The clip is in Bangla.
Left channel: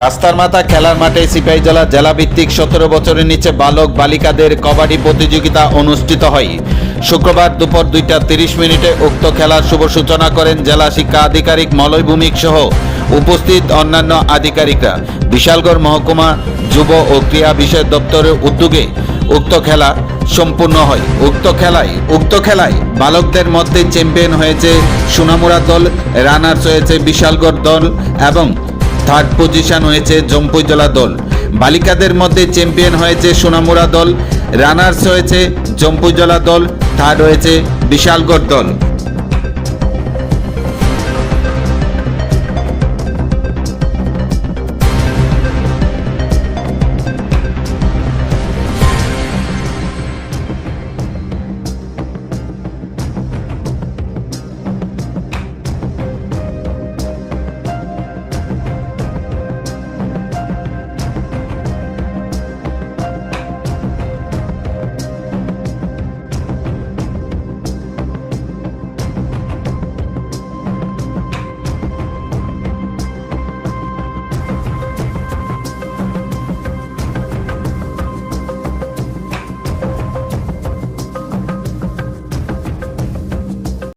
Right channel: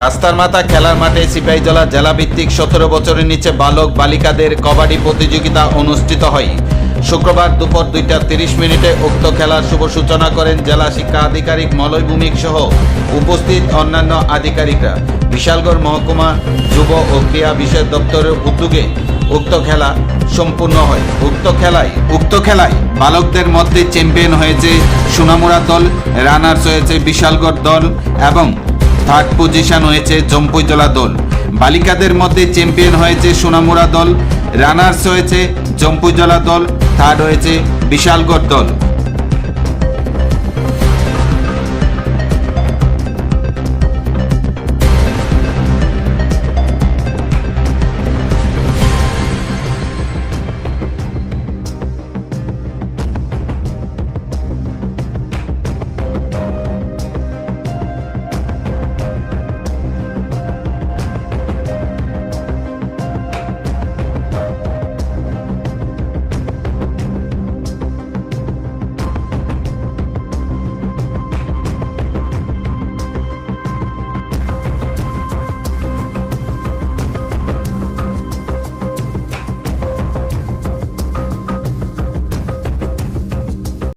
রাস্তার মাথা খেলার মাঠে সিপাহীজলা জেলাভিত্তিক সতেরো বছরের নিচে বালক বালিকাদের কবাডি প্রতিযোগিতা অনুষ্ঠিত হয়। শুক্রবার দুপুর দুইটা তিরিশ মিনিটে উক্ত খেলার শুভ সূচনা করেন জেলা শিক্ষা আধিকারিক মলয় ভূমিক সহ উপস্থিত অন্যান্য আধিকারিকরা। বিশালগড় মহকুমা যুব ও ক্রীড়া বিষয় দপ্তরের উদ্যোগে উক্ত খেলা সম্পূর্ণ হয়। উক্ত খেলায় উক্ত খেলায় বালকদের মধ্যে চ্যাম্পিয়ন হয়েছে সোনামুড়া দল, রানার্স হয়েছে বিশালগড় দল এবং থার্ড পজিশন হয়েছে জম্পুজলা দল। বালিকাদের মধ্যে চ্যাম্পিয়ন হয়েছে সোনামুরা দল রানার্স হয়েছে জম্পুজলা দল থার্ড হয়েছে বিশালগড় দল।